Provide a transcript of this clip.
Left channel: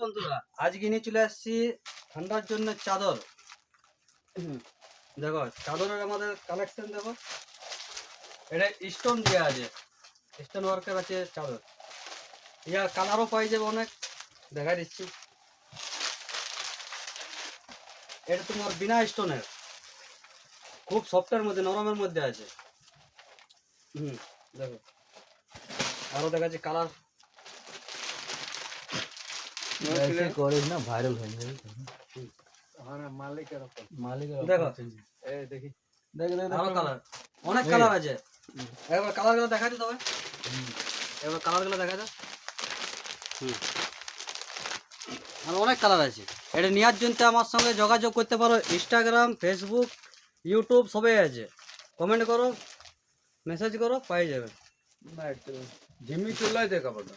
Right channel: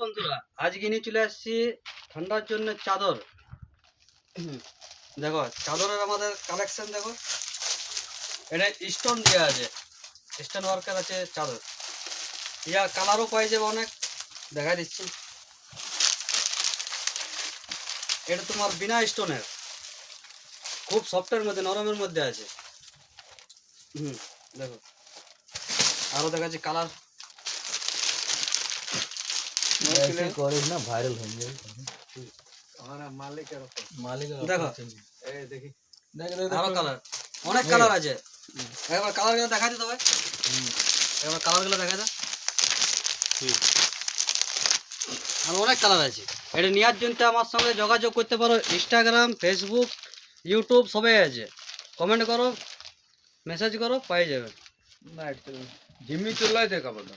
বন্ধুরা, আজকে নিয়ে চলে আসছি ঠান্ডার জন্য চাদর। দেখো চাদরের আমাদের কালেকশন দেখো, এটা স্টোন দেওয়া আছে, স্টোন ওয়ার্কের আছে চাদর। ইয়ার কালারও পাই যাবে অনেক, দেখা দিচ্ছি। এটা তোমার বিনা স্টোনের, খুব সফটের মধ্যে, নরমের মধ্যে আছে। দেখো আরো দেখাচ্ছি কালার। ऐसे कॉलेज ना वायरल हो गए हमारा मालिकेर উপর मालिक দেখো এই দেখি আরো কালার, অনেক কালার আছে। একবার কালারগুলো দেখা দিতে হবে, একবার কালারগুলো দেখা দাও। আর অনেক কালার আছে। এটা নেওয়ার জন্য আমার সঙ্গে যোগাযোগ করতে পারো, ইনস্টাগ্রাম, ফেসবুক, ইউটিউব সবই আছে। কমেন্ট করো, মেসেজ করো, পাই যাবে। না একটু জিম্মি চুলাই দেখাবো না